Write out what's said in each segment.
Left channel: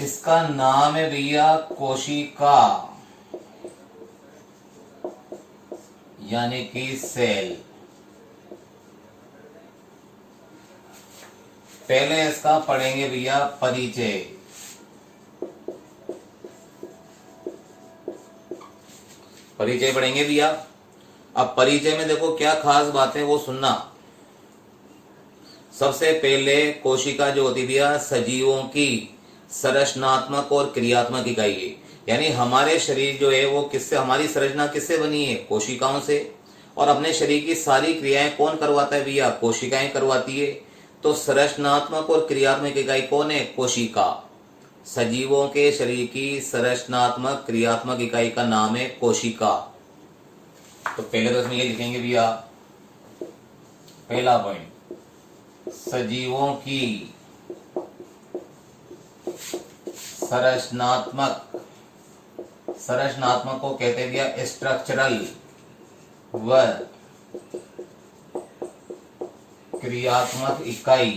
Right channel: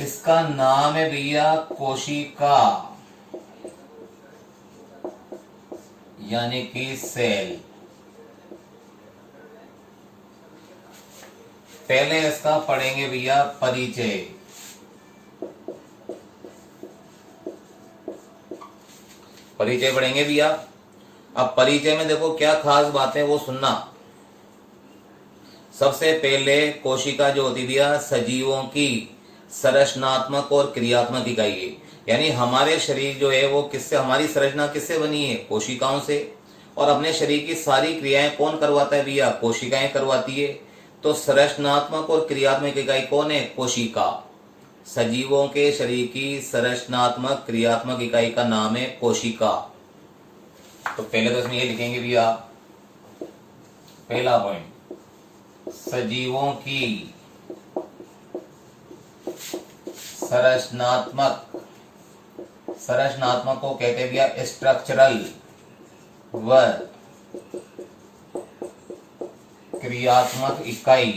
इसका नाम है भैया कोशिका, यानी कि सेल। पहले इसका पढ़ेंगे भैया परिचय। परिचय पढ़ेंगे भैया। अब परिचय में देखो क्या खास बात है वो सुनना। सबसे पहले कोशिका जो होती भैया सजीवों की संरचनात्मक और क्रियात्मक इकाई है। यानी हमारे शरीर जो है वो किससे, हमारी संरचना किससे बनी है, कोशिकाओं से। और अपने शरीर की सारी क्रियाएं कौन करवाता है भैया, कोशिकाएं करवाती है। तो संरचनात्मक और क्रियात्मक इकाई कौन है, कोशिका। सजीवों के शरीर की संरचनात्मक क्रियात्मक इकाई का नाम है कोशिका। तो पहले तो इसमें ये लिखेंगे भैया, पहला पॉइंट, सजीवों की संरचनात्मक को कहते हैं भैया स्ट्रक्चरल व क्रियात्मक इकाई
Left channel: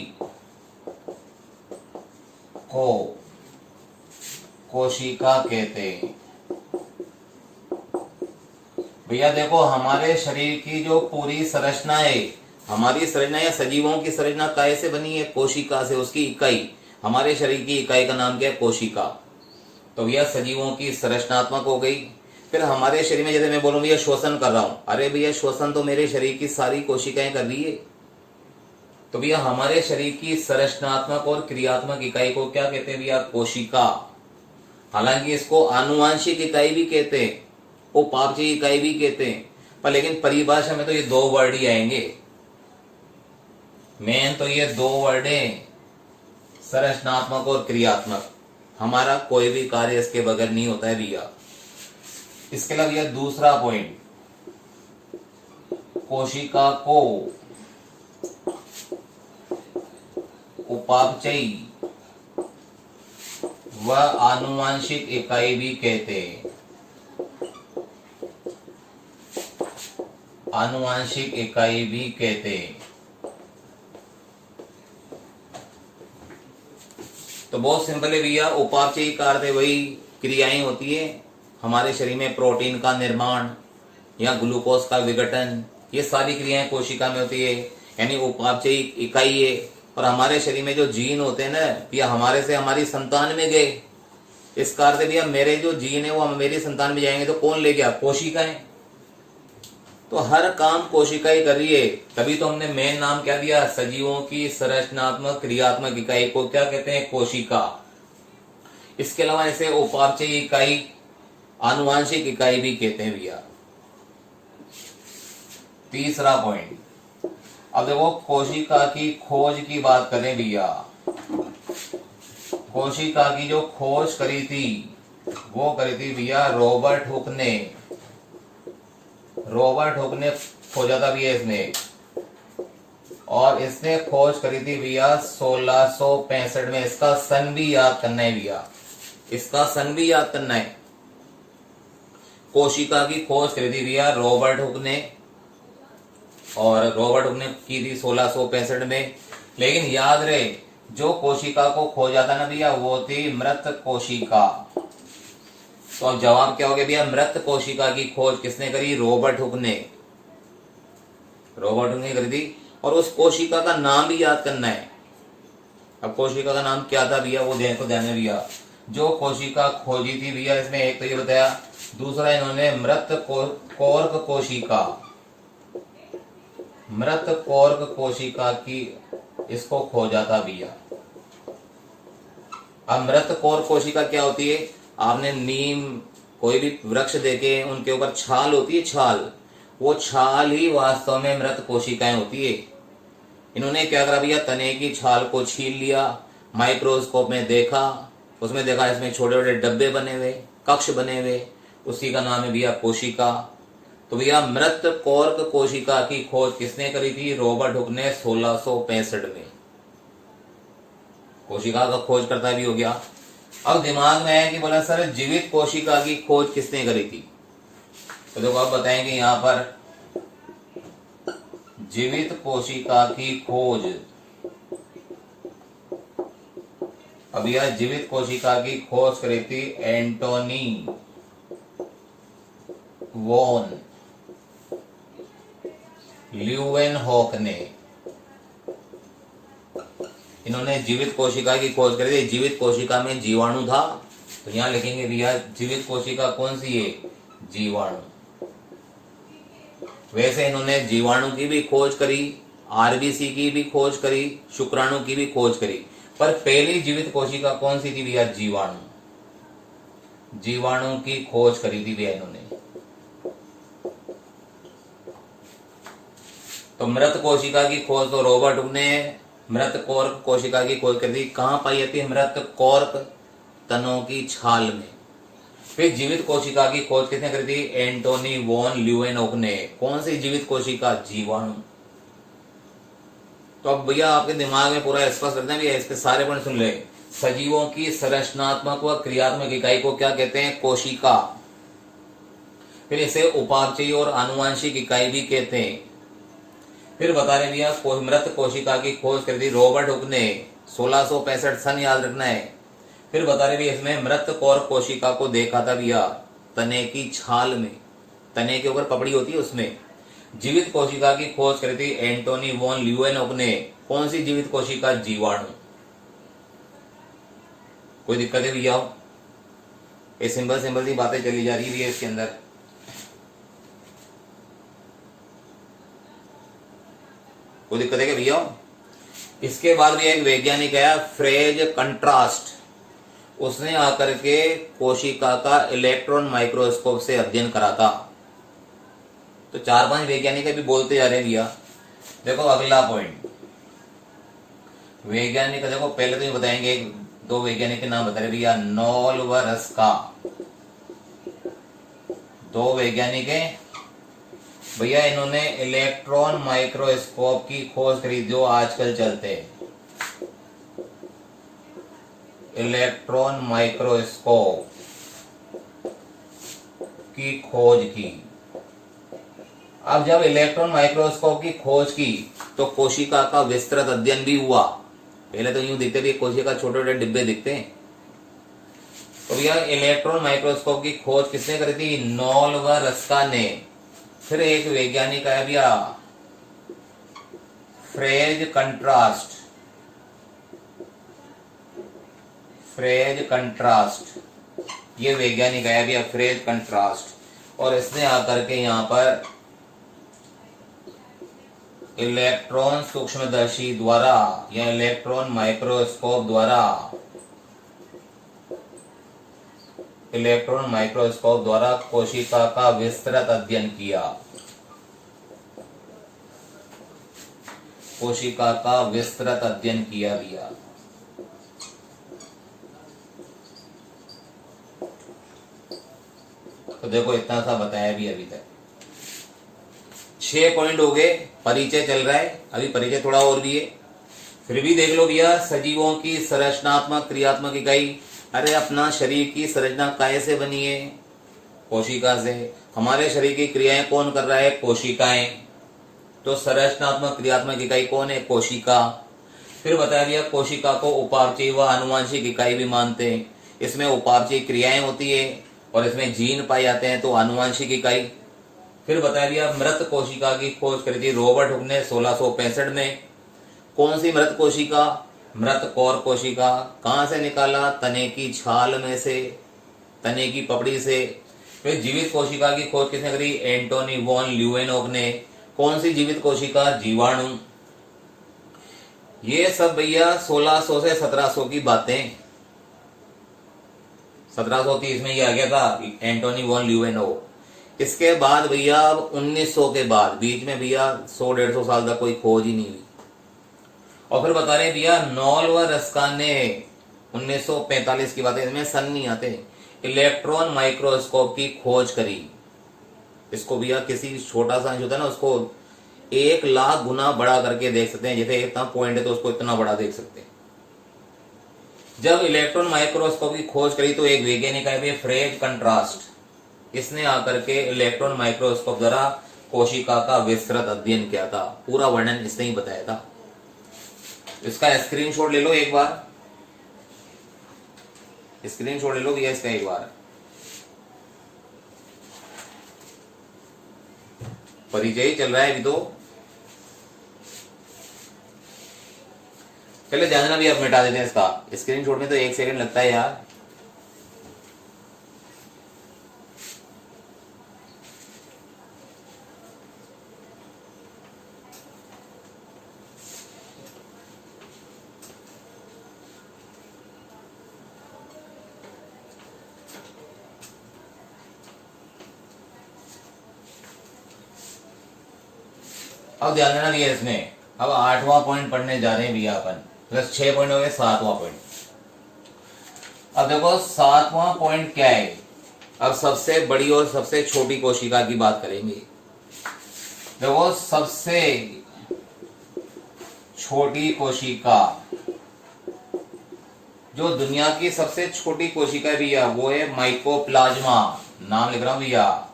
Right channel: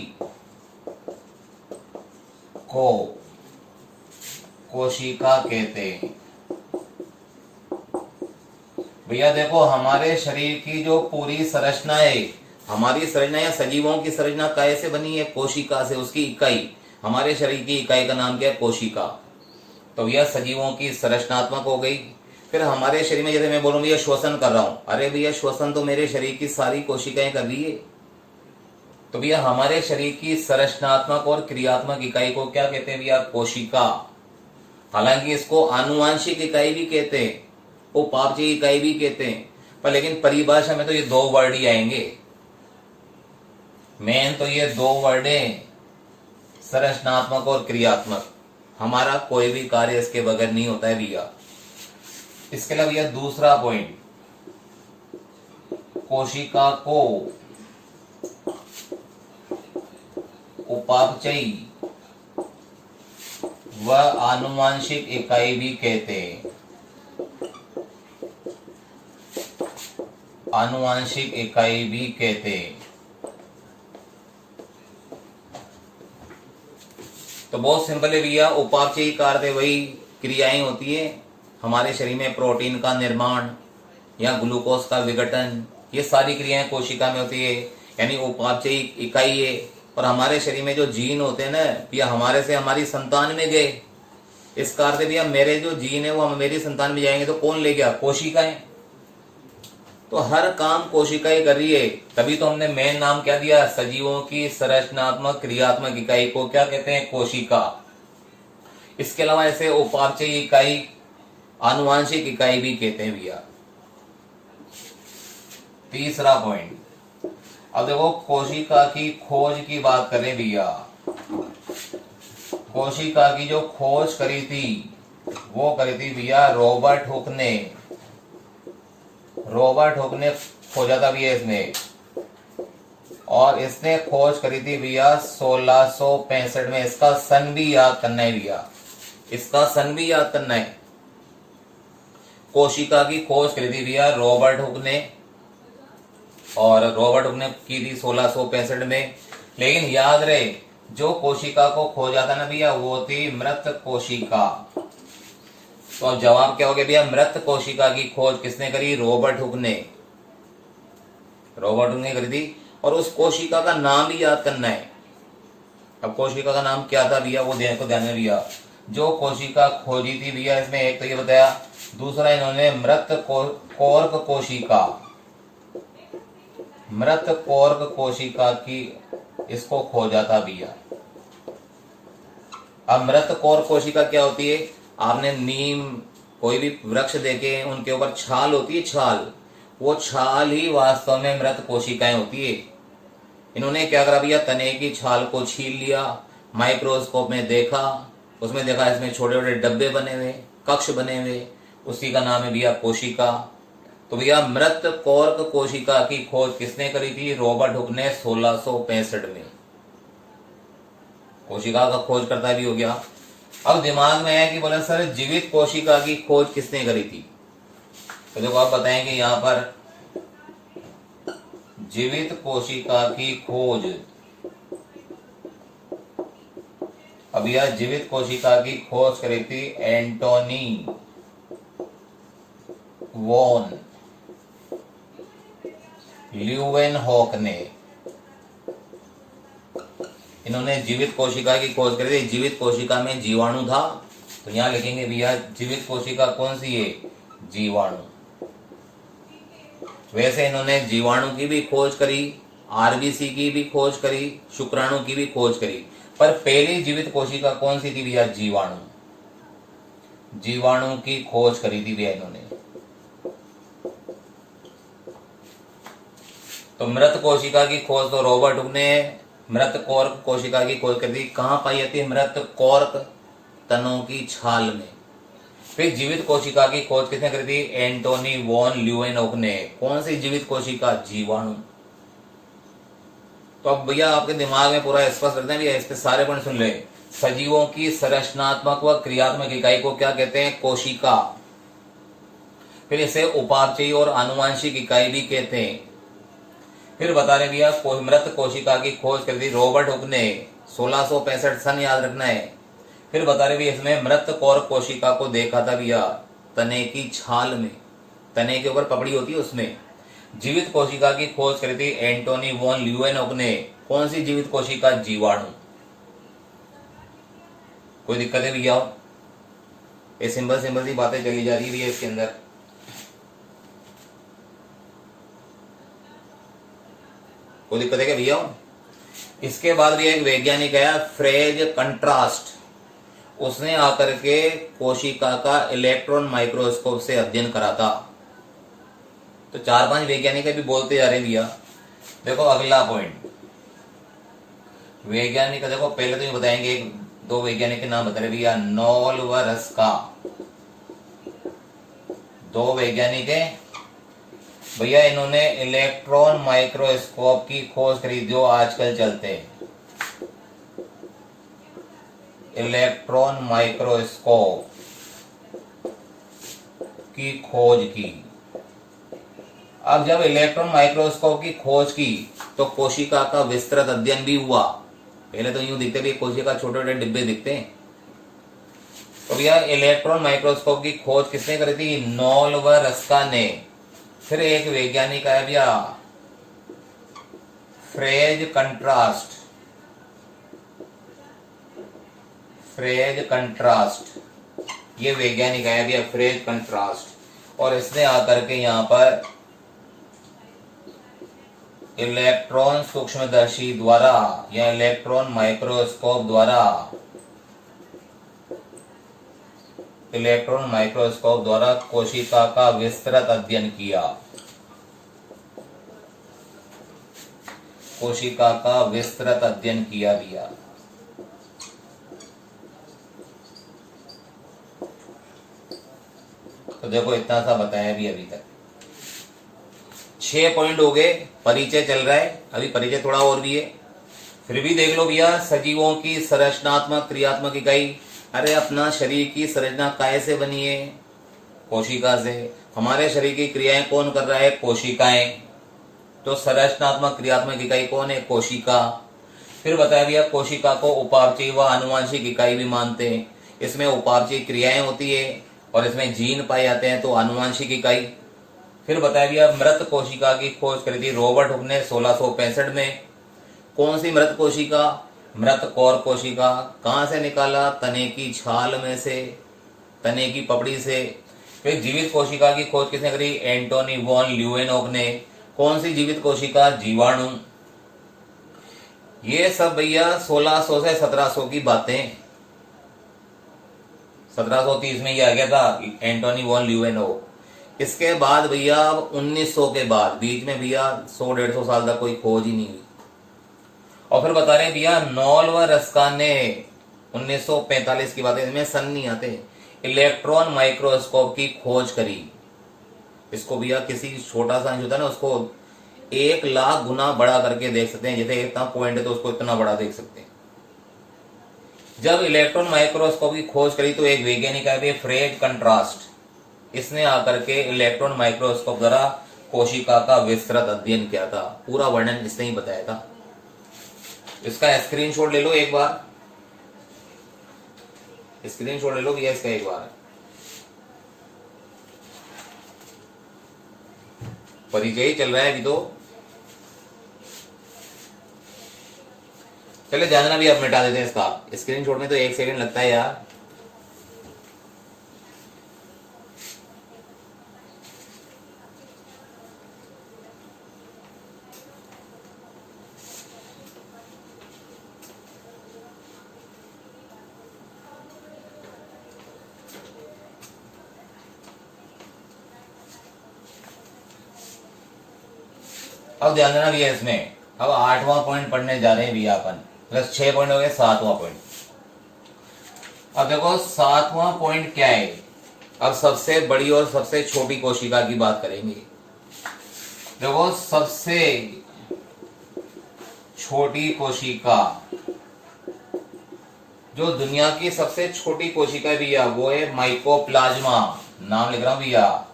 को कोशिका कहते हैं। भैया देखो हमारे शरीर की जो पूरी संरचना है, हमारी संरचना या सजीवों की संरचना कैसे बनी है, कोशिका से। उसकी इकाई, हमारे शरीर की इकाई का नाम क्या है, कोशिका। तो भैया सजीवों की संरचनात्मक हो गई। फिर हमारे शरीर में जैसे मैं बोलूं भैया श्वसन कर रहा हूं, अरे भैया श्वसन तो मेरे शरीर की सारी कोशिकाएं कर रही है। तो भैया हमारे शरीर की संरचनात्मक और क्रियात्मक इकाई को क्या कहते हैं भैया, कोशिका। हालांकि इसको आनुवांशिक इकाई भी कहते हैं, उपापचयी इकाई भी कहते हैं, पर लेकिन परिभाषा में तो ये दो वर्ड ही आएंगे। मेन तो ये दो वर्ड है, संरचनात्मक और क्रियात्मक। हमारा कोई भी कार्य इसके बगैर नहीं होता है भैया। इसके अलावा भैया दूसरा पॉइंट, कोशिका को उपापचयी व आनुवांशिक इकाई भी कहते हैं। आनुवांशिक इकाई भी कहते हैं। तो बहुत सिंपल है भैया, उपापचयी कार्य वही क्रियाएं होती है हमारे शरीर में, प्रोटीन का निर्माण या ग्लूकोज का विघटन, ये सारी क्रियाएं कोशिका में होती है, यानी उपापचयी इकाई है। और हमारे शरीर में जो जीन होते हैं ना भैया, हमारे से हमारी संतान में गए। इस कार्य से भैया मेरे जो जीन है वो मेरी संतान में जाएंगे तो कौन ले गया, कोशिकाएं। तो हर काम कोशिका ही कर रही है। तभी तो हमने मेन नाम क्या दिया, सजीवों की संरचनात्मक क्रियात्मक इकाई को क्या कहते हैं, कोशिका। इसके अलावा ऐसे उपापचयी इकाई, आनुवांशिक इकाई भी कहते हैं भैया। तीसरा पॉइंट, अब देखो कोशिका की खोज की बात करें भैया। कोशिका की जो खोज करी थी वो करी थी भैया रॉबर्ट हुक ने। रॉबर्ट हुक ने खोजा था भैया इसमें, और इसने खोज करी थी भैया 1665 में। इसका सन भी याद करना है भैया, इसका सन भी याद करना है। कोशिका की खोज करी थी भैया रॉबर्ट हुक ने, और रॉबर्ट हुक ने की थी 1665 में। लेकिन याद रहे, जो कोशिका को खोजा था ना भैया वो थी मृत कोशिका। तो अब जवाब क्या हो गया भैया, मृत कोशिका की खोज किसने करी, रॉबर्ट हुक ने। रॉबर्ट हुक ने करी थी, और उस कोशिका का नाम भी याद करना है। अब कोशिका का नाम क्या था भैया, वो देखो ध्यान में भैया। जो कोशिका खोजी थी भैया, इसमें एक तो ये बताया, दूसरा इन्होंने मृत कोर्क कोशिका, मृत कोर्क कोशिका की इसको खोजा था भैया। अब मृत कोर्क कोशिका क्या होती है, आपने नीम कोई भी वृक्ष देखे, उनके ऊपर छाल होती है, छाल, वो छाल ही वास्तव में मृत कोशिकाएं होती है। इन्होंने क्या करा भैया, तने की छाल को छील लिया, माइक्रोस्कोप में देखा, उसमें देखा इसमें छोटे छोटे डब्बे बने हुए, कक्ष बने हुए, उसी का नाम है भैया कोशिका। तो भैया मृत कोर्क कोशिका की खोज किसने करी थी, रॉबर्ट हुक ने 1665 में। कोशिका का खोज करता भी हो गया। अब दिमाग में है कि बोला सर जीवित कोशिका की खोज किसने करी थी, तो देखो आप बताएंगे यहां पर, जीवित कोशिका की खोज अब यह जीवित कोशिका की खोज करी थी एंटोनी वॉन ल्यूवेनहॉक ने। इन्होंने जीवित कोशिका की खोज करी थी। जीवित कोशिका में जीवाणु था, तो यहां लिखेंगे भैया जीवित कोशिका कौन सी है, जीवाणु। वैसे इन्होंने जीवाणु की भी खोज करी, आरबीसी की भी खोज करी, शुक्राणु की भी खोज करी, पर पहली जीवित कोशिका कौन सी थी भैया, जीवाणु। जीवाणु की खोज करी थी भैया इन्होंने। तो मृत कोशिका की खोज तो रॉबर्ट हुक ने मृत कॉर्क कोशिका की खोज करी थी। कहां पाई जाती है मृत कॉर्क, तनों की छाल में। फिर जीवित कोशिका की खोज किसने करी थी, एंटोनी वॉन ल्यूवेनहॉक ने। कौन सी जीवित कोशिका, जीवाणु। तो अब भैया आपके दिमाग में पूरा स्पष्ट करते हैं भैया, इसके सारे पॉइंट सुन ले। सजीवों की संरचनात्मक व क्रियात्मक इकाई को क्या कहते हैं, कोशिका। फिर इसे उपापचयी और आनुवांशिक इकाई भी कहते हैं। फिर बता रहे भैया मृत कोशिका की खोज करी थी रॉबर्ट हुक ने 1665 सन, याद रखना है। फिर बता रहे भैया इसमें मृत कॉर्क कोशिका को देखा था भैया तने की छाल में, तने के ऊपर पपड़ी होती है उसमें। जीवित कोशिका की खोज करी थी एंटोनी वॉन ल्यूवेनहॉक ने। कौन सी जीवित कोशिका, जीवाणु। कोई दिक्कत है भैया, ये सिंपल सिंपल सी बातें चली जा रही है इसके अंदर। कोई दिक्कत है क्या भैया। इसके बाद भी एक वैज्ञानिक है फ्रेज कंट्रास्ट, उसने आकर के कोशिका का इलेक्ट्रॉन माइक्रोस्कोप से अध्ययन करा था। तो 4-5 वैज्ञानिक भी बोलते जा रहे हैं भैया। देखो अगला पॉइंट, वैज्ञानिक देखो पहले तो ये बताएंगे, 2 वैज्ञानिक के नाम बता रहे भैया, नॉल व रस्का। 2 वैज्ञानिक है भैया, इन्होंने इलेक्ट्रॉन माइक्रोस्कोप की खोज करी जो आजकल चलते हैं, इलेक्ट्रॉन माइक्रोस्कोप की खोज की। अब जब इलेक्ट्रॉन माइक्रोस्कोप की खोज की तो कोशिका का विस्तृत अध्ययन भी हुआ। पहले तो यूं दिखते भी कोशिका छोटे छोटे डिब्बे दिखते हैं। तो भैया इलेक्ट्रॉन माइक्रोस्कोप की खोज किसने करी थी, नॉल व रस्का ने। फिर एक वैज्ञानिक है भैया फ्रेज कंट्रास्ट, फ्रेज कंट्रास्ट, ये वैज्ञानिक है भैया फ्रेज कंट्रास्ट। और इसने आकर के यहाँ पर इलेक्ट्रॉन सूक्ष्मदर्शी द्वारा या इलेक्ट्रॉन माइक्रोस्कोप द्वारा, इलेक्ट्रॉन माइक्रोस्कोप द्वारा कोशिका का विस्तृत अध्ययन किया, कोशिका का विस्तृत अध्ययन किया भैया। तो देखो इतना सा बताया भी अभी तक। 6 पॉइंट हो गए, परिचय चल रहा है, अभी परिचय थोड़ा और भी है। फिर भी देख लो भैया, सजीवों की संरचनात्मक क्रियात्मक इकाई। अरे अपना शरीर की संरचना काय से बनी है, कोशिका से। हमारे शरीर की क्रियाएं कौन कर रहा है, कोशिकाएं। तो संरचनात्मक क्रियात्मक इकाई कौन है, कोशिका। फिर बताया गया कोशिका को उपापचयी व आनुवांशिक इकाई भी मानते हैं। इसमें उपापचयी क्रियाएं होती है और इसमें जीन पाए जाते हैं, तो आनुवांशिक इकाई। फिर बताया गया मृत कोशिका की खोज करी थी रॉबर्ट हुक ने 1665 में। कौन सी मृत कोशिका, मृत कॉर्क कोशिका। कहां से निकाला, तने की छाल में से, तने की पपड़ी से। फिर जीवित कोशिका की खोज किसने करी, एंटोनी वॉन ल्यूवेनहॉक ने। कौन सी जीवित कोशिका, जीवाणु। ये सब भैया 1600 से 1700 की बातें। 1730 में ये आ गया था एंटोनी वॉन ल्यूवेनहॉक। इसके बाद भैया 1900 के बाद बीच में भैया 100-150 साल तक कोई खोज ही नहीं हुई। और फिर बता रहे भैया नॉल व रस्का ने 1945 की बात है, इसमें सन नहीं आते, इलेक्ट्रॉन माइक्रोस्कोप की खोज करी। इसको भैया किसी छोटा सा अंश होता है ना, उसको 1 लाख गुना बड़ा करके देख सकते हैं। जैसे इतना पॉइंट है तो उसको इतना बड़ा देख सकते हैं। जब इलेक्ट्रॉन माइक्रोस्कोप की खोज करी तो एक वैज्ञानिक है फ्रेज कंट्रास्ट, इसने आकर के इलेक्ट्रॉन माइक्रोस्कोप द्वारा कोशिका का विस्तृत अध्ययन किया था। पूरा वर्णन इसने ही बताया था। इसका स्क्रीनशॉट ले लो एक बार। स्क्रीनशॉट ले लो भैया इसका एक बार। परिचय ही चल रहा है अभी तो। चलिए जानना भी अब मिटा देते हैं इसका। स्क्रीनशॉट में तो 1 सेकंड लगता है यार। अब ध्यान देना भैया इसमें। अब 8वां पॉइंट पढ़ने जा रहे हैं भैया अपन। प्लस 6 पॉइंट हो गए, 7वां पॉइंट। अब देखो 7वां पॉइंट क्या है। अब सबसे बड़ी और सबसे छोटी कोशिका की बात करेंगे। देखो सबसे छोटी कोशिका, जो दुनिया की सबसे छोटी कोशिका है भैया वो है माइकोप्लाज्मा। नाम लिख रहा हूं भैया,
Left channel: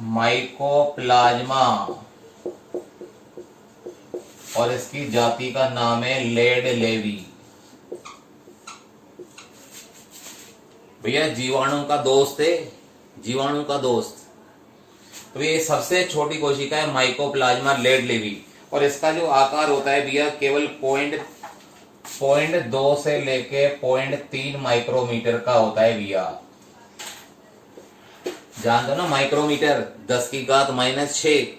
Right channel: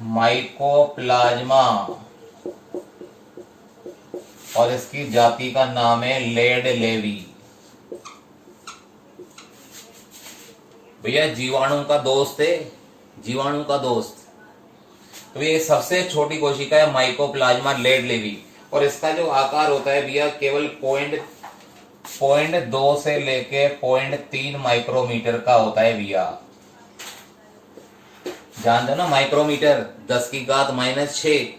माइकोप्लाज्मा। और इसकी जाति का नाम है लेड लेवी। भैया जीवाणु का दोस्त है, जीवाणु का दोस्त। तो ये सबसे छोटी कोशिका है माइकोप्लाज्मा लेड लेवी। और इसका जो आकार होता है भैया केवल 0.2 से लेके 0.3 माइक्रोमीटर का होता है भैया। जान दो ना माइक्रोमीटर, 10⁻⁻⁶।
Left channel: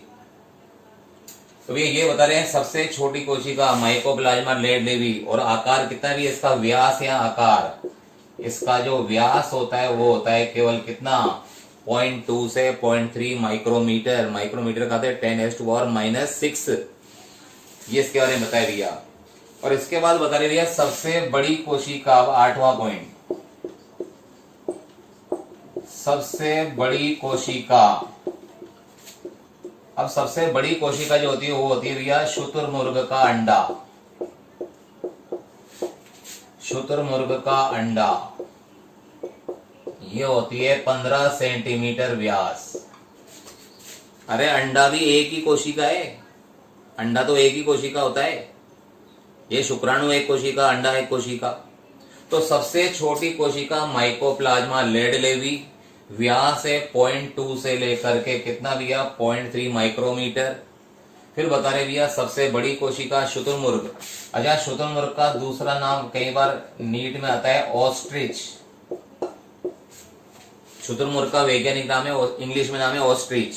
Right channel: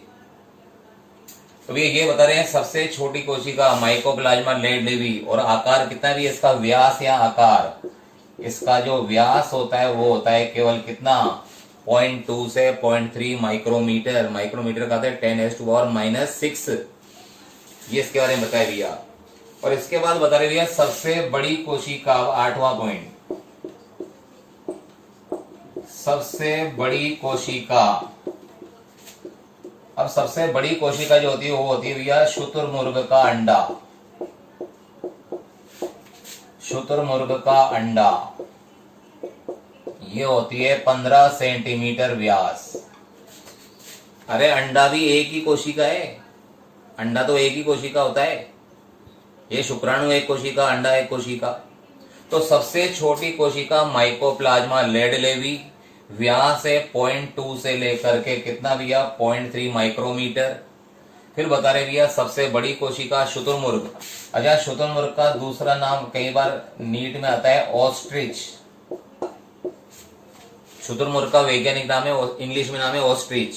तो भैया ये बता रहे हैं सबसे छोटी कोशिका माइकोप्लाज्मा लेड लेवी। और आकार कितना भी इसका, व्यास या आकार, इसका जो व्यास होता है वो होता है केवल कितना, 0.2 से 0.3 माइक्रोमीटर। माइक्रोमीटर का 10⁻⁻⁶। ये इसके बारे में बताया भैया। और इसके बाद बता रहे भैया सबसे बड़ी कोशिका, 8वां पॉइंट, सबसे बड़ी कोशिका। अब सबसे बड़ी कोशिका जो होती है वो होती है भैया शुतुरमुर्ग का अंडा। शुतुरमुर्ग का अंडा ये होती है 15 सेंटीमीटर व्यास। अरे अंडा भी एक ही कोशिका है, अंडा तो एक ही कोशिका होता है। ये शुक्राणु एक कोशिका, अंडा एक कोशिका। तो सबसे छोटी कोशिका माइकोप्लाज्मा लेड लेवी, व्यास है 0.2 से लेकर के कितना भैया, 0.3 माइक्रोमीटर। फिर बता रहे भैया सबसे बड़ी कोशिका शुतुरमुर्ग। अच्छा शुतुरमुर्ग का दूसरा नाम कई बार नीट में आता है ऑस्ट्रिच। शुतुरमुर्ग का वैज्ञानिक नाम है, इंग्लिश में नाम है ऑस्ट्रिच।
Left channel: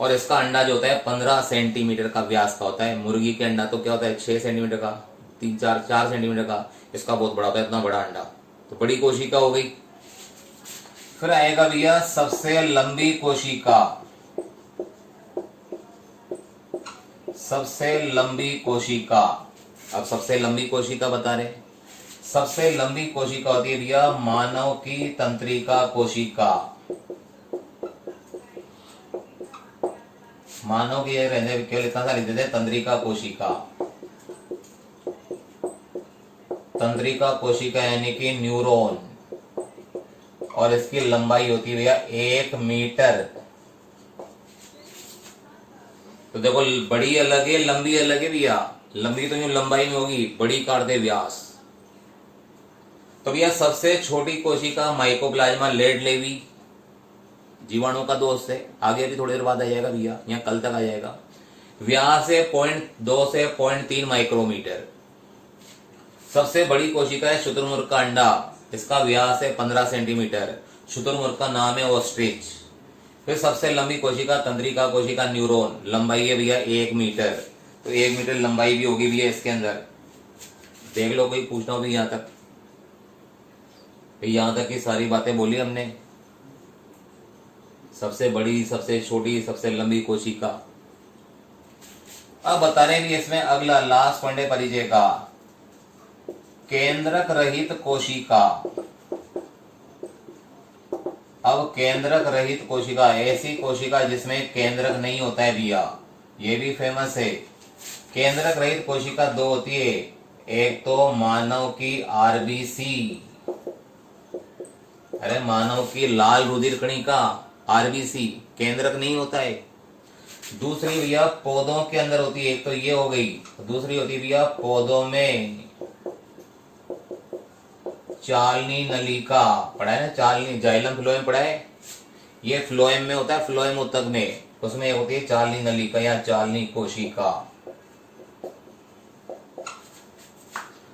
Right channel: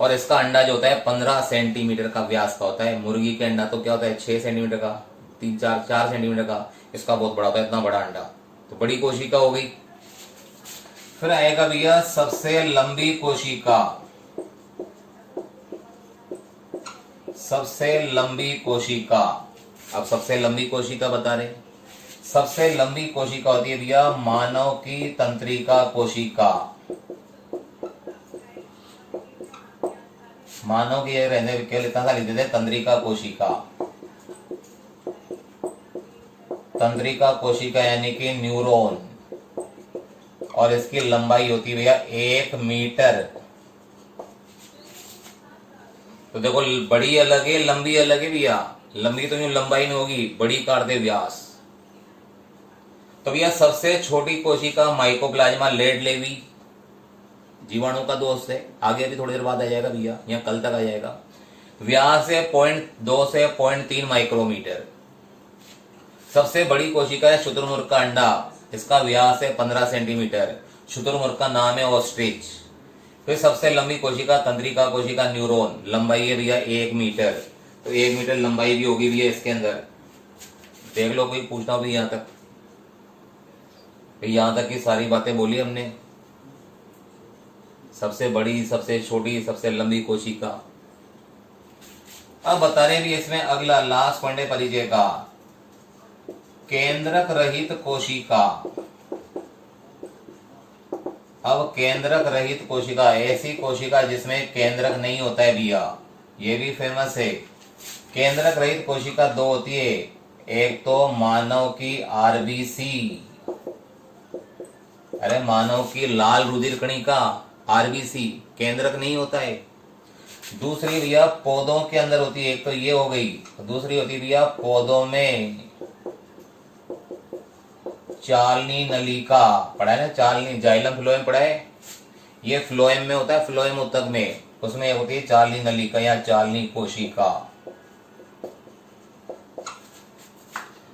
और इसका अंडा जो होता है 15 सेंटीमीटर का व्यास का होता है। मुर्गी के अंडा तो क्या होता है 6 सेंटीमीटर का, 4 सेंटीमीटर का। इसका बहुत बड़ा होता है, इतना बड़ा अंडा। तो बड़ी कोशिका हो गई। फिर आएगा भैया सबसे लंबी कोशिका। सबसे लंबी कोशिका। अब सबसे लंबी कोशिका बता रहे। सबसे लंबी कोशिका होती है भैया मानव की तंत्रिका कोशिका। मानव की रहने केवल इतना सा लिख देते तंत्रिका कोशिका। तंत्रिका कोशिका यानी कि न्यूरॉन। और इसकी लंबाई होती है भैया 1 मीटर। तो देखो बड़ी अलग है, लंबी अलग है भैया। लंबी तो लंबाई नहीं होगी, बड़ी काटते व्यास। तो भैया सबसे छोटी कोशिका माइकोप्लाज्मा लेड लेवी, जीवाणु का दोस्त है। आगे अभी थोड़ी देर बाद आ जाएगा भैया, यहाँ कल तक आ जाएगा। व्यास है 0.2 से 0.3 माइक्रोमीटर। सबसे बड़ी कोशिका है शुतुरमुर्ग का अंडा, इसका व्यास है 15 सेंटीमीटर। शुतुरमुर्ग का नाम है ऑस्ट्रिच। फिर सबसे लंबी कोशिका तंत्रिका कोशिका न्यूरॉन, लंबाई है भैया 1 मीटर। तो 1 मीटर लंबाई भी होगी भैया इसके अंदर। देख लो कोई पूछना हो भी यहाँ तक। यहां तक की सारी बातें बोली हमने। सबसे बड़ी, सबसे छोटी, सबसे लंबी कोशिका। अब बता रहे हैं इसमें अगला लास्ट पॉइंट है परिचय का, केंद्रक रहित कोशिका। अब केंद्रक रहित कोशिका, ऐसी कोशिका जिसमें केंद्रक नहीं होता है भैया, ये भी फेमस है। केंद्रक रहित कोशिका 2 होती है। एक तो मानव की आरबीसी, अरे मानव की लाल रुधिर कणिका आरबीसी, केंद्रक नहीं होता है। दूसरी भैया पौधों के अंदर होती है, एक तो ये हो गई। दूसरी होती है भैया पौधों में चालनी नलिका पढ़ा है ना, चालनी जाइलम फ्लोएम पढ़ा है, ये फ्लोएम में होता है, फ्लोएम ऊतक में, उसमें होती है चालनी नलिका या चालनी कोशिका।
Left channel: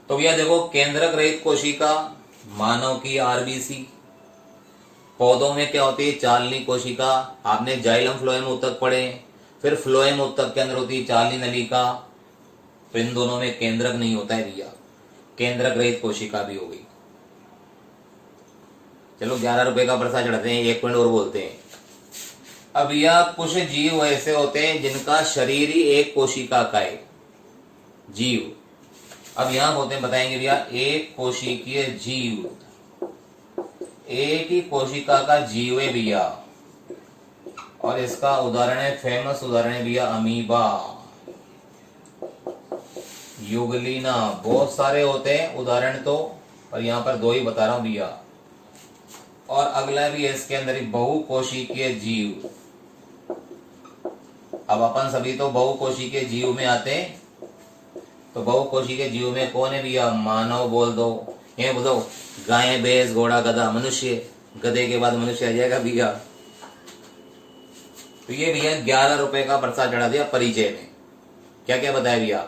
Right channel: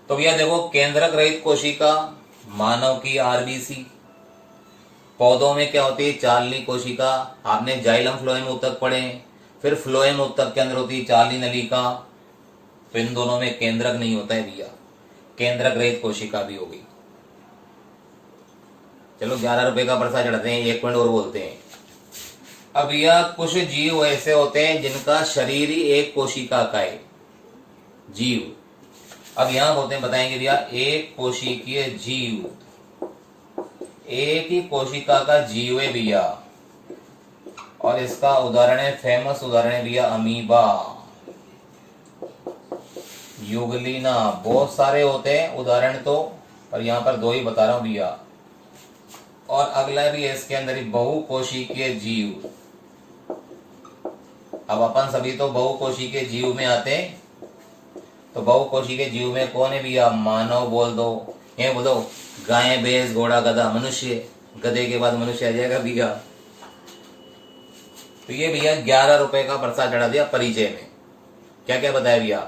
तो भैया देखो, केंद्रक रहित कोशिका मानव की आरबीसी, पौधों में क्या होती है चालनी कोशिका, आपने जाइलम फ्लोएम ऊतक पढ़े, फिर फ्लोएम ऊतक के अंदर होती है चालनी नलिका, तो इन दोनों में केंद्रक नहीं होता है भैया, केंद्रक रहित कोशिका भी हो गई। चलो 11 रुपए का पर्चा चढ़ते हैं, एक मिनट और बोलते हैं। अब यह कुछ जीव ऐसे होते हैं जिनका शरीर ही एक कोशिका का है, जीव। अब यहां बोलते हैं, बताएंगे भैया, एक कोशिकीय जीव, एक ही कोशिका का जीव है भैया, और इसका उदाहरण है, फेमस उदाहरण है भैया अमीबा, युगलिना, बहुत सारे होते हैं उदाहरण तो, और यहां पर 2 ही बता रहा हूं भैया। और अगला भी है इसके अंदर ही बहुकोशिकीय जीव। अब अपन सभी तो बहुकोशिकीय जीव में आते हैं, तो बहुकोशिकीय जीव में कौन है भैया, मानव बोल दो, ये बोल दो, गाय भैंस घोड़ा गधा मनुष्य, गधे के बाद मनुष्य आ जाएगा भैया। तो ये भैया 11 रुपए का पर्चा चढ़ा दिया परिचय में। क्या क्या बताया भैया,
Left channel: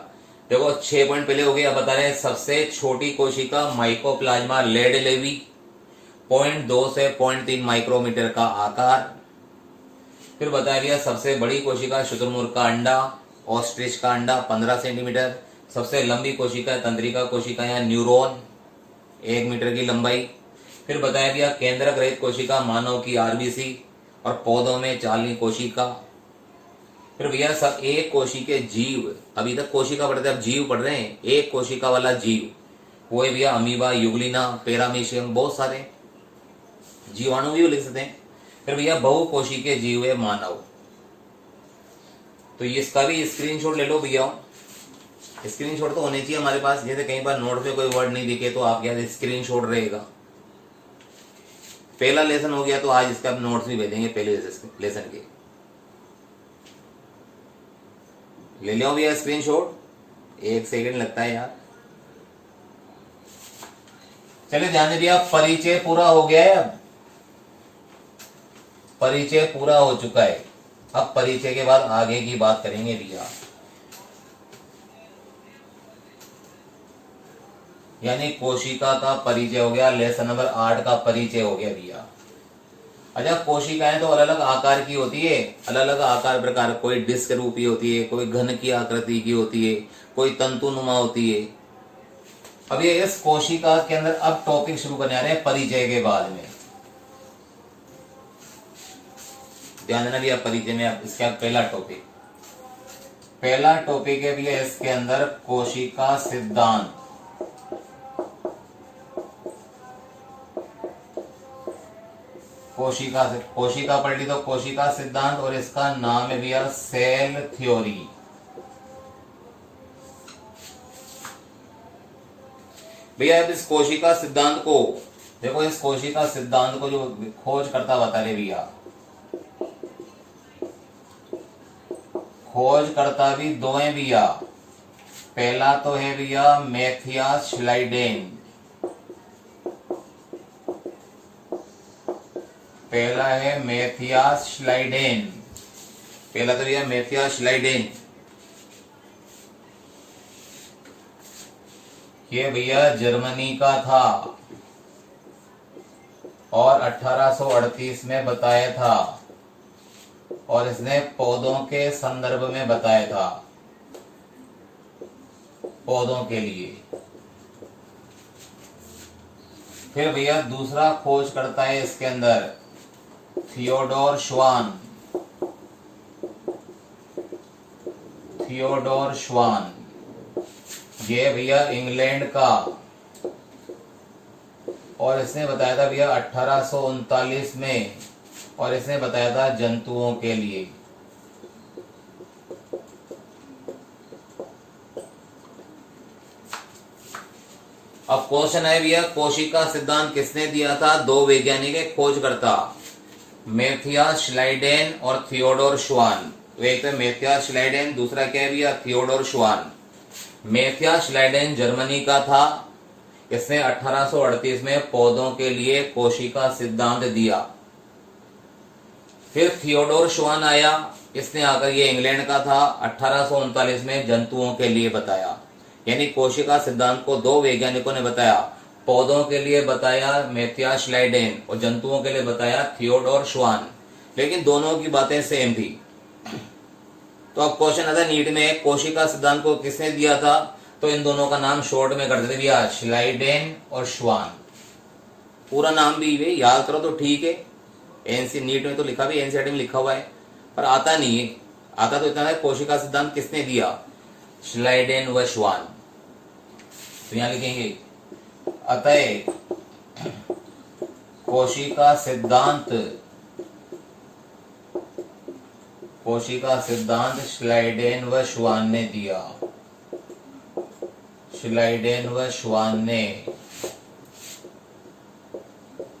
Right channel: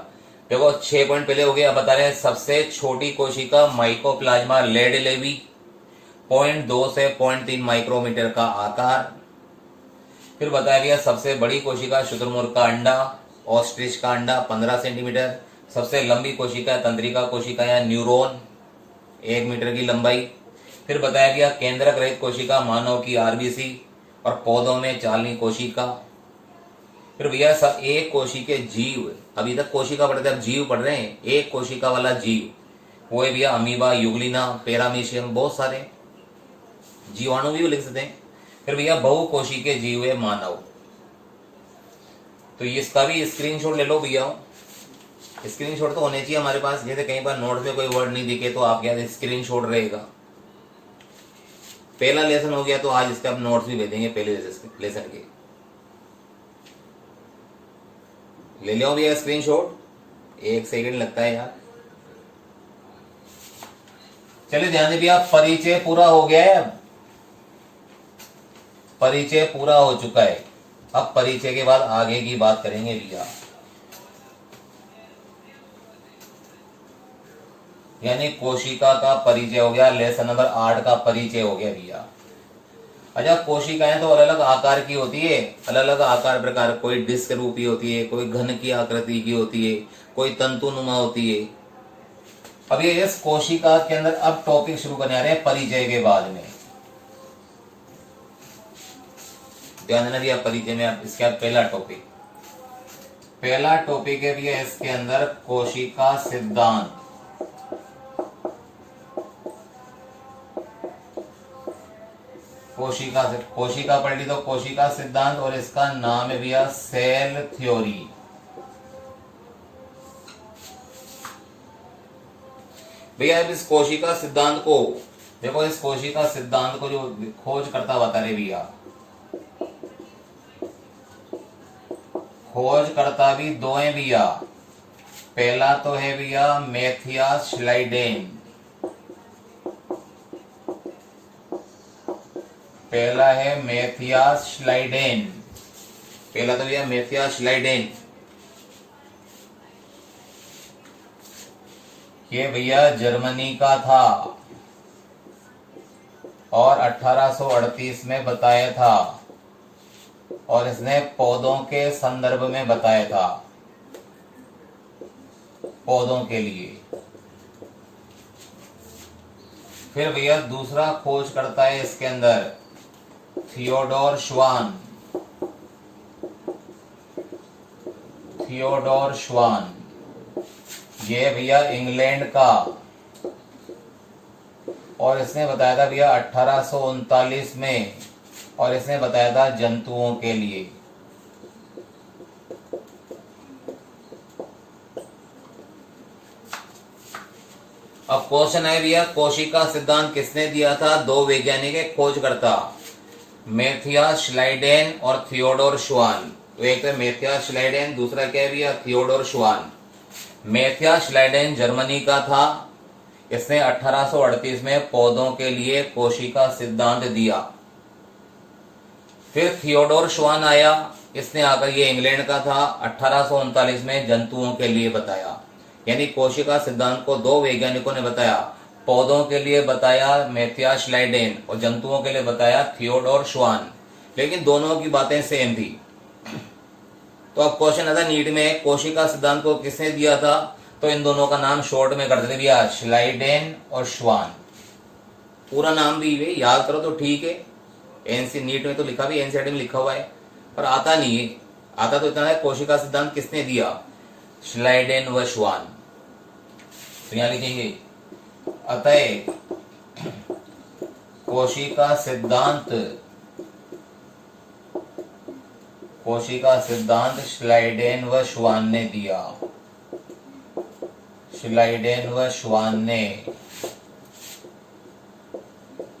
देखो 6 पॉइंट पहले हो गए। अब बता रहे हैं सबसे छोटी कोशिका माइकोप्लाज्मा लेड-लेवी, 0.2 से 0.3 माइक्रोमीटर का आकार। फिर बताया गया सबसे बड़ी कोशिका शुतुरमुर्ग का अंडा, ऑस्ट्रिच का अंडा 15 सेंटीमीटर। सबसे लंबी कोशिका तंत्रिका कोशिका या न्यूरॉन, 1 मीटर की लंबाई। फिर बताया गया केंद्रक रहित कोशिका मानव की आरबीसी, और पौधों में चालनी कोशिका। फिर भैया सब एक कोशिकीय जीव, अभी तक कोशिका पढ़ते अब जीव पढ़ रहे हैं, एक कोशिका वाला जीव वो है भैया अमीबा, युगलिना, पैरामीशियम, बहुत सारे जीवाणु भी लिख सकते हैं। फिर भैया बहुकोशिकीय जीव है मानव। तो इसका भी स्क्रीनशॉट ले लो भैया, स्क्रीनशॉट तो होने चाहिए हमारे पास, जैसे कहीं पर नोट में कोई वर्ड नहीं दिखे तो आपके यहाँ स्क्रीनशॉट रहेगा। पहला लेसन हो गया तो आज इसका नोट्स भी भेजेंगे पहले लेसन के, ले लिया भैया स्क्रीनशॉट, 1 सेकंड लगता है यार। चलिए ध्यान दे भैया, परिचय पूरा हो गया है, अब परिचय पूरा हो चुका है। अब परिचय के बाद आगे की बात करेंगे भैया, यानी कोशिका का परिचय हो गया, लेसन नंबर 8 का परिचय हो गया भैया। अच्छा, कोशिकाएं तो अलग अलग आकार की होती है, अलग अलग आकार प्रकार, कोई डिस्क रूपी होती है, कोई घन की आकृति की होती है, कोई तंतुनुमा होती है। अब ये इस कोशिका के अंदर अब टॉपिक शुरू करने आ रहे हैं परिचय के बाद में। ध्यान देना भैया, परिचय में आप इसका पहला टॉपिक है भैया इसके अंदर कोशिका सिद्धांत। कोशिका पढ़ ली तो कोशिका सिद्धांत, और इसका नाम है भैया सेल थ्योरी। भैया अब इस कोशिका सिद्धांत को देखो, इस कोशिका सिद्धांत को जो खोज करता बता रहे भैया, खोज करता भी 2 हैं भैया। पहला तो है भैया मैथियास श्लाइडेन, पहला है मैथियास श्लाइडेन, पहला तो भैया मैथियास श्लाइडेन। ये भैया जर्मनी का था और 1838 में बताया था, और इसने पौधों के संदर्भ में बताया था, पौधों के लिए। फिर भैया दूसरा खोज करता है इसके अंदर थियोडोर श्वान, ये भैया इंग्लैंड का, और इसने बताया था भैया 1839 में, और इसने बताया था जंतुओं के लिए। अब क्वेश्चन है भैया, कोशिका सिद्धांत किसने दिया था? 2 वैज्ञानिक है खोजकर्ता, मैथियास श्लाइडेन और थियोडोर श्वान। एक तो मैथियास श्लाइडेन, दूसरा क्या है भैया थियोडोर श्वान। मैथियास श्लाइडेन जर्मनी का था, इसने 1838 में पौधों के लिए कोशिका सिद्धांत दिया। फिर थियोडोर श्वान आया, इसने आकर, ये इंग्लैंड का था, 1839 में जंतुओं के लिए बताया। यानी कोशिका सिद्धांत को दो वैज्ञानिकों ने बताया, पौधों के लिए बताया मैथियास श्लाइडेन और जंतुओं के लिए बताया थियोडोर श्वान, लेकिन दोनों की बातें सेम थी। तो अब क्वेश्चन आता है नीट में, कोशिका सिद्धांत को किसने दिया था? तो इन दोनों का नाम शॉर्ट में कर देते भैया, श्लाइडेन और श्वान। पूरा नाम भी याद करो तो ठीक है, एनसी नीट में तो लिखा भी, एनसीईआरटी में लिखा हुआ है, पर आता नहीं है। आता तो इतना है, कोशिका सिद्धांत किसने दिया? श्लाइडेन व श्वान। तो यहां लिखेंगे, अतः कोशिका सिद्धांत श्लाइडेन व श्वान ने दिया। श्लाइडेन व श्वान ने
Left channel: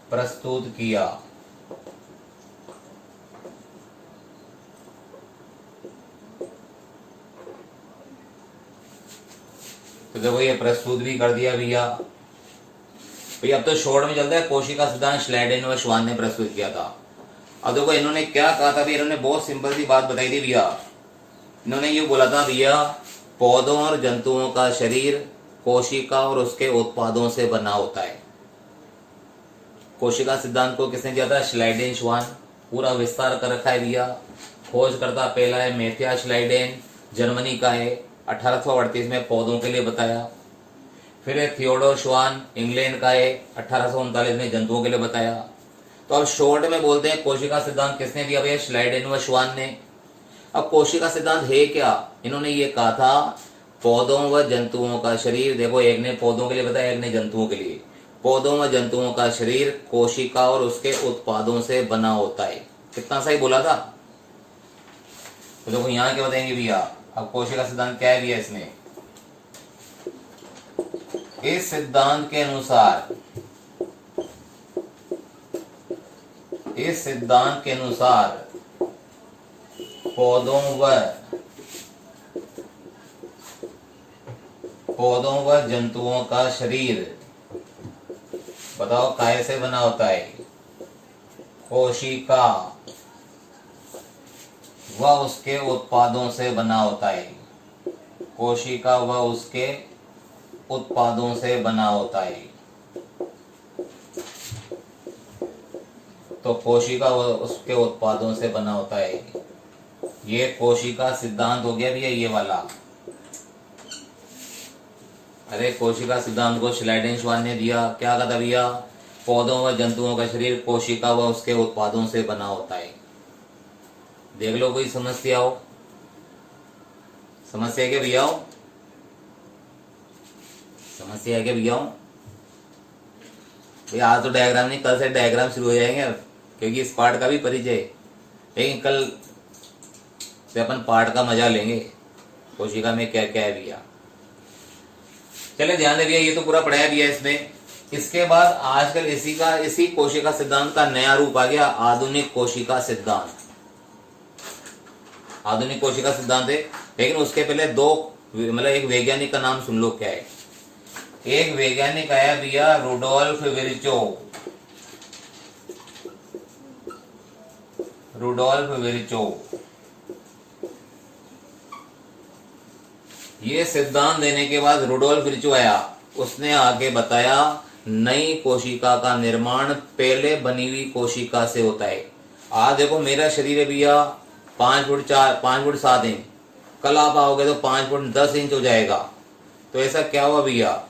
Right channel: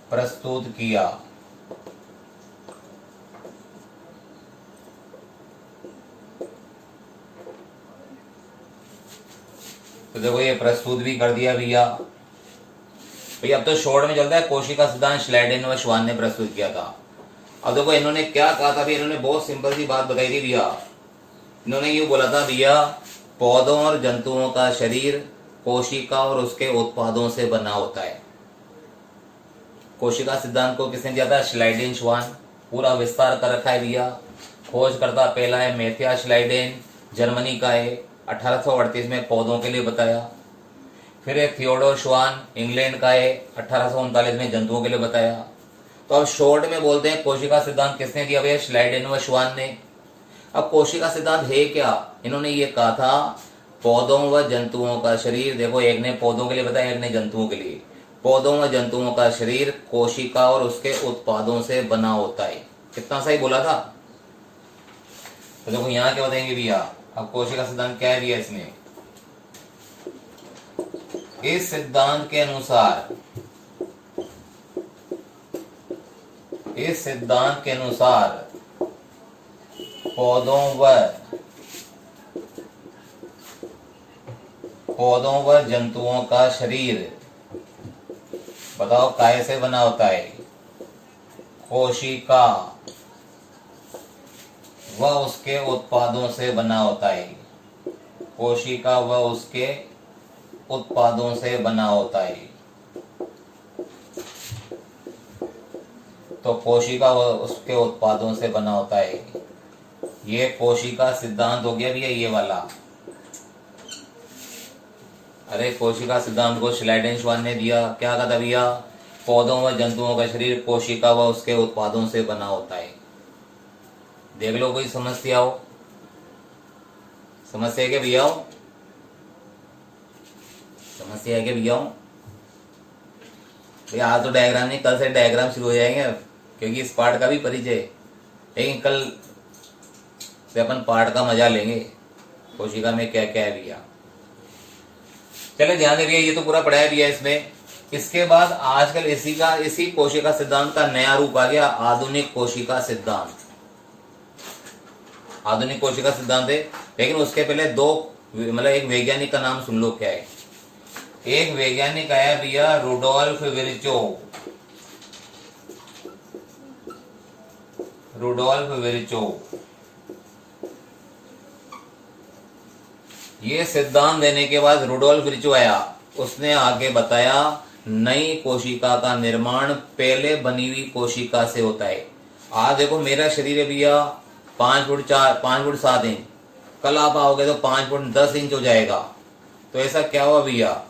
प्रस्तुत किया। तो देखो ये प्रस्तुत भी कर दिया भैया। अब तो शॉर्ट में चलता है, कोशिका सिद्धांत श्लाइडेन व श्वान ने प्रस्तुत किया था। अब देखो इन्होंने क्या कहा था भैया, इन्होंने बहुत सिंपल सी बात बताई थी भैया। इन्होंने ये बोला था भैया, पौधों और जंतुओं का शरीर कोशिका और उसके उत्पादों से बना होता है। कोशिका सिद्धांत को किसने दिया था? श्लाइडेन श्वान। पूरा विस्तार कर रखा है भैया। खोजकर्ता पहला है मैथियास श्लाइडेन, जर्मनी का है, 1838 में पौधों के लिए बताया। फिर है थियोडोर श्वान, इंग्लैंड का है, 1839 में जंतुओं के लिए बताया। तो अब शॉर्ट में बोलते हैं कोशिका सिद्धांत किसने दिया भैया? श्लाइडेन व श्वान ने। अब कोशिका सिद्धांत है क्या? इन्होंने ये कहा था, पौधों व जंतुओं का शरीर, देखो एक ने पौधों के लिए बताया, एक ने जंतुओं के लिए। पौधों व जंतुओं का शरीर कोशिका और उसके उत्पादों से बना होता है। कितना सही बोला था? तो देखो यहाँ क्या बताएंगे भैया, अब कोशिका सिद्धांत क्या दिया इसने? इस सिद्धांत के अनुसार पौधों व जंतुओं का शरीर, बताओ काय से बना होता है? कोशिका व उसके उत्पादों से बना होता है। कोशिका व उसके उत्पादों से बना होता है। तो कोशिका व उसके उत्पादों से बना होता है। ये कोशिका सिद्धांत हो गया भैया, ये वाला। अरे कोशिका सिद्धांत को श्लाइडेन श्वान ने दिया, क्या कहा था भैया? पौधों व जंतुओं का शरीर कोशिका व उसके उत्पादों से बना होता है। देख लो कोई समस्या हो? समस्या है क्या भैया? समस्या है क्या भैया? भैया आज तो डायग्राम नहीं, कल से डायग्राम शुरू हो जाएंगे, क्योंकि इस पार्ट का भी परिचय, लेकिन कल से अपन पार्ट का मजा लेंगे, कोशिका में क्या क्या है भैया। चलो ध्यान दे भैया, ये तो पूरा पढ़ाया भैया इसमें। इसके बाद आजकल इसी कोशिका सिद्धांत का नया रूप आ गया, आधुनिक कोशिका सिद्धांत। आधुनिक कोशिका सिद्धांत है, लेकिन उसके पहले दो, मतलब एक वैज्ञानिक का नाम सुन लो क्या है। एक वैज्ञानिक आया भैया, रुडोल्फ विर्चोव। ये सिद्धांत देने के बाद रुडोल्फ विर्चोव आया, उसने आगे बताया नई कोशिका का निर्माण पहले बनी हुई कोशिका से होता है। आज देखो मेरा शरीर है भैया 5 फुट 7 इंच, कल आप आओगे तो 5 फुट 10 इंच हो जाएगा। तो ऐसा क्या हुआ भैया,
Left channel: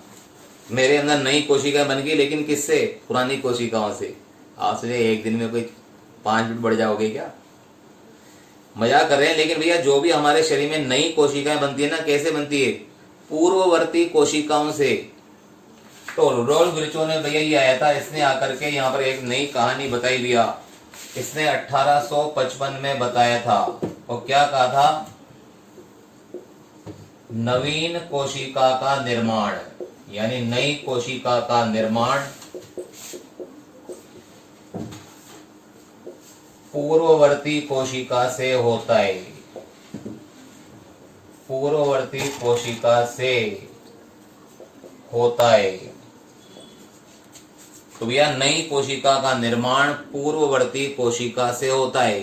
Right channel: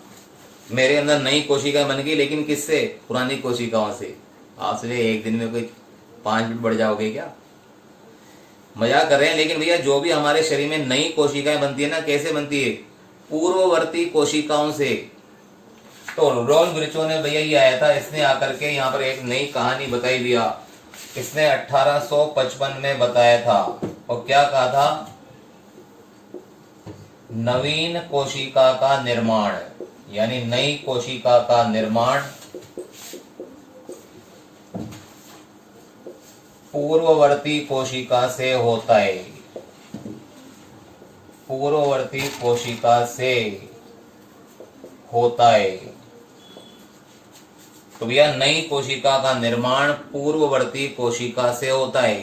मेरे अंदर नई कोशिका बन गई, लेकिन किससे? पुरानी कोशिकाओं से। आप सोचे एक दिन में कोई 5 फुट बढ़ जाओगे क्या? मजाक कर रहे हैं, लेकिन भैया जो भी हमारे शरीर में नई कोशिकाएं बनती है ना, कैसे बनती है? पूर्ववर्ती कोशिकाओं से। तो रुडोल्फ विर्चोव ने भैया ये आया था, इसने आकर के यहाँ पर एक नई कहानी बताई भैया। इसने 1855 में बताया था, और क्या कहा था? नवीन कोशिका का निर्माण, यानी नई कोशिका का निर्माण पूर्ववर्ती कोशिका से होता है। पूर्ववर्ती कोशिका से होता है। तो भैया नई कोशिका का निर्माण पूर्ववर्ती कोशिका से होता है।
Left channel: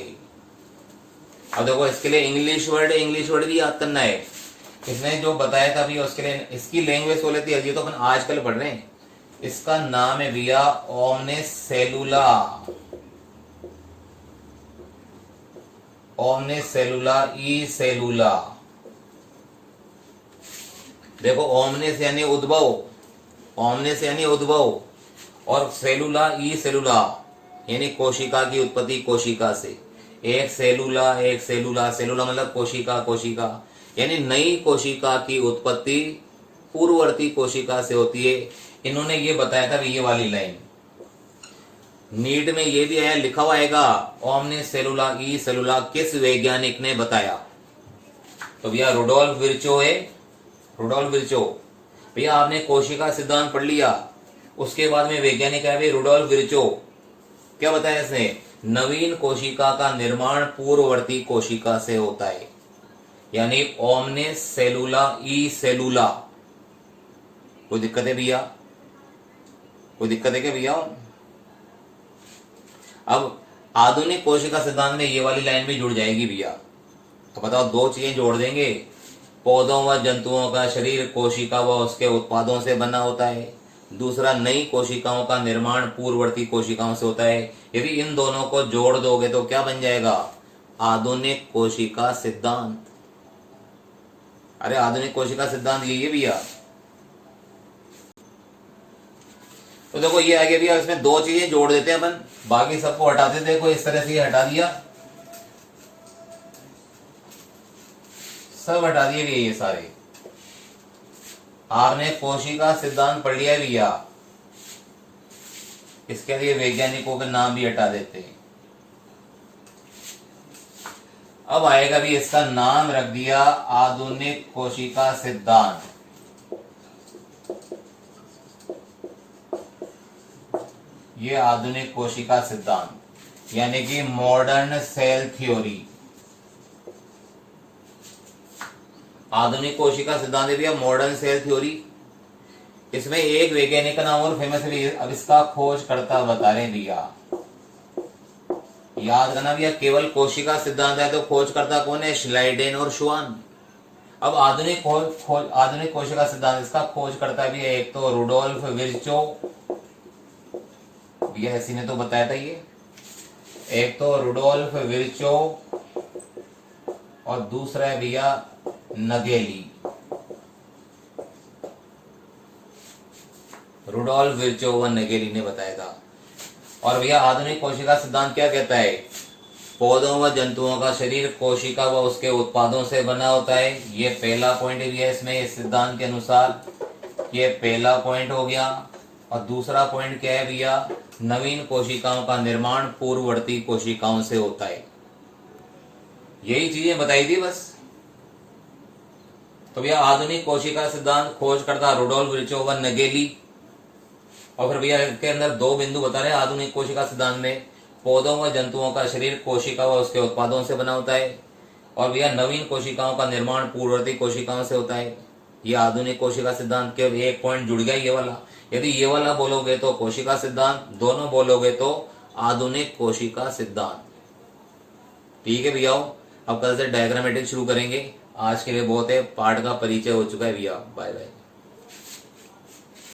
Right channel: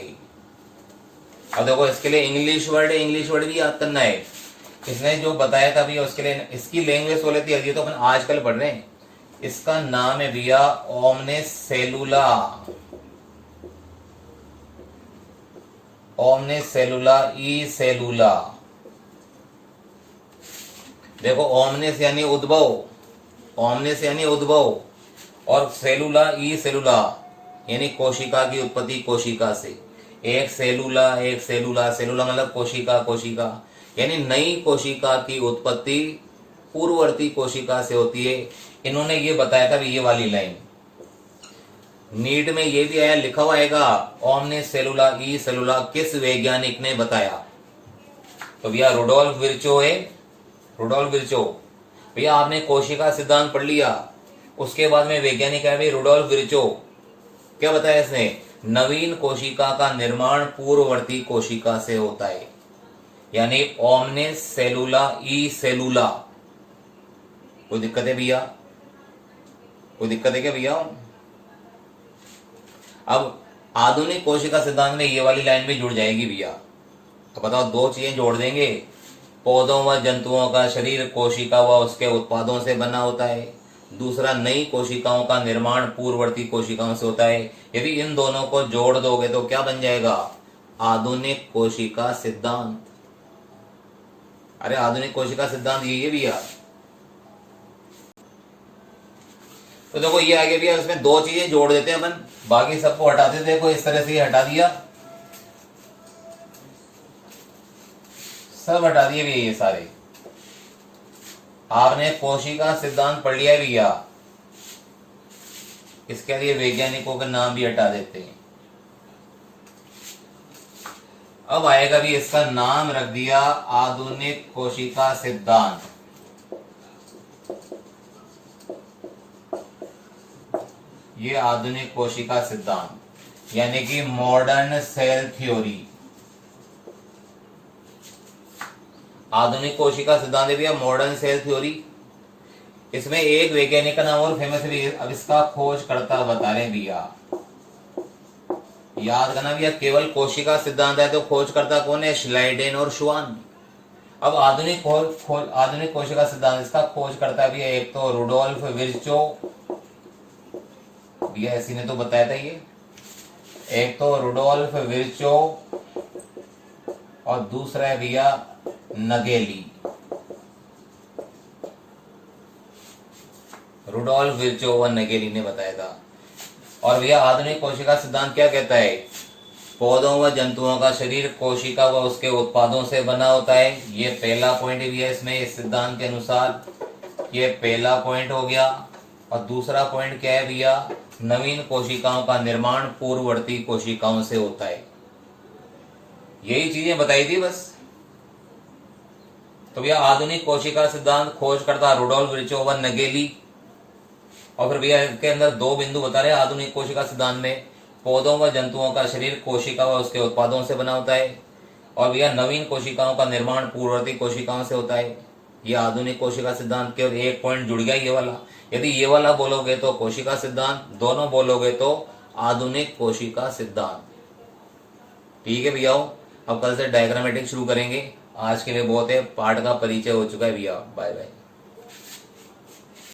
अब देखो इसके लिए इंग्लिश वर्ड भी याद करना है। इसने जो बताया था भैया उसके लिए इसकी लैंग्वेज बोले थी, ये तो अपन आजकल पढ़ रहे हैं। इसका नाम है भैया ओमने सेलुला। ओमने सेलुला ई सेलुला। देखो ओमने से यानी उद्भव, ओमने से यानी उद्भव, और सेलुला ई सेलुला यानी कोशिका की उत्पत्ति कोशिका से। एक सेलुला सेलुला मतलब कोशिका, कोशिका यानी नई कोशिका की उत्पत्ति पूर्ववर्ती कोशिका से होती है। इन्होंने ये बताया था ये वाली लाइन, नीट में ये भी आया, लिखा हुआ आएगा ओमने सेलुला ई सेलुला किस वैज्ञानिक ने बताया। तो भैया रुडोल्फ विर्चो है, रुडोल्फ विर्चो। भैया आपने कोशिका सिद्धांत पढ़ लिया, उसके बाद में वैज्ञानिक है रुडोल्फ विर्चो। क्या बताया इसने? नवीन कोशिका का निर्माण पूर्ववर्ती कोशिका से होता है, यानी ओमने सेलुला ई सेलुला। कोई दिक्कत है भैया? कोई दिक्कत है क्या भैया? अब आधुनिक कोशिका सिद्धांत में ये वाली लाइन भी जुड़ जाएगी भैया। तो बताओ, दो चीजें जोड़ देंगे, पौधों व जंतुओं का शरीर कोशिका व उसके उत्पादों से बना होता है, दूसरा नई कोशिकाओं का निर्माण पूर्ववर्ती कोशिकाओं से होता है। यदि इन दोनों को जोड़ दोगे तो क्या बन जाएगा? आधुनिक कोशिका सिद्धांत। अरे आधुनिक कोशिका सिद्धांत ये भैया। तो देखो ये आगे भैया, इसमें दो चीजें जोड़ देते हैं अपन, बाकी सबको हटाते थे। देखो इस तरह से ये हटा दिया, सब हटा दिए भैया ये सारे। आपने कोशिका सिद्धांत पढ़ लिया भैया, इसके लिए वैज्ञानिकों के नाम भी हटा देते हैं। अब आएगा भी, इसका नाम रख दिया आधुनिक कोशिका सिद्धांत। ये आधुनिक कोशिका सिद्धांत यानी कि मॉडर्न सेल थ्योरी। आधुनिक कोशिका सिद्धांत भी है मॉडर्न सेल थ्योरी। इसमें एक वैज्ञानिक का नाम और फेमस भी है, अब इसका खोज करता बता रहे भैया। याद करना भैया, केवल कोशिका सिद्धांत है तो खोज करता कौन है? श्लाइडेन और श्वान। अब आधुनिक आधुनिक कोशिका सिद्धांत, इसका खोज करता भी है एक तो रुडोल्फ विर्चो, भैया इसी ने तो बताया था ये। एक तो रुडोल्फ विर्चो और दूसरा है भैया नगेली। रुडोल्फ विर्चो व नगेली ने बताया था। और भैया आधुनिक कोशिका सिद्धांत क्या कहता है? पौधों व जंतुओं का शरीर कोशिका व उसके उत्पादों से बना होता है। ये पहला पॉइंट भी है इसमें, इस सिद्धांत के अनुसार ये पहला पॉइंट हो गया। और दूसरा पॉइंट क्या है भैया? नवीन कोशिकाओं का निर्माण पूर्ववर्ती कोशिकाओं से होता है। यही चीजें बताई थी बस। तो भैया आधुनिक कोशिका सिद्धांत खोज करता रुडोल्फ विर्चो व नगेली। और फिर भैया इसके अंदर दो बिंदु बता रहे हैं आधुनिक कोशिका सिद्धांत में, पौधों व जंतुओं का शरीर कोशिका व उसके उत्पादों से बना होता है। और भैया नवीन कोशिकाओं का निर्माण पूर्ववर्ती कोशिकाओं से होता है। ये आधुनिक कोशिका सिद्धांत के एक पॉइंट जुड़ गया ये वाला। यदि ये वाला बोलोगे तो कोशिका सिद्धांत, दोनों बोलोगे तो आधुनिक कोशिका सिद्धांत। ठीक है भैया, अब कल से डायग्रामेटिक शुरू करेंगे। आज के लिए बहुत है, पाठ का परिचय हो चुका है भैया। Bye bye.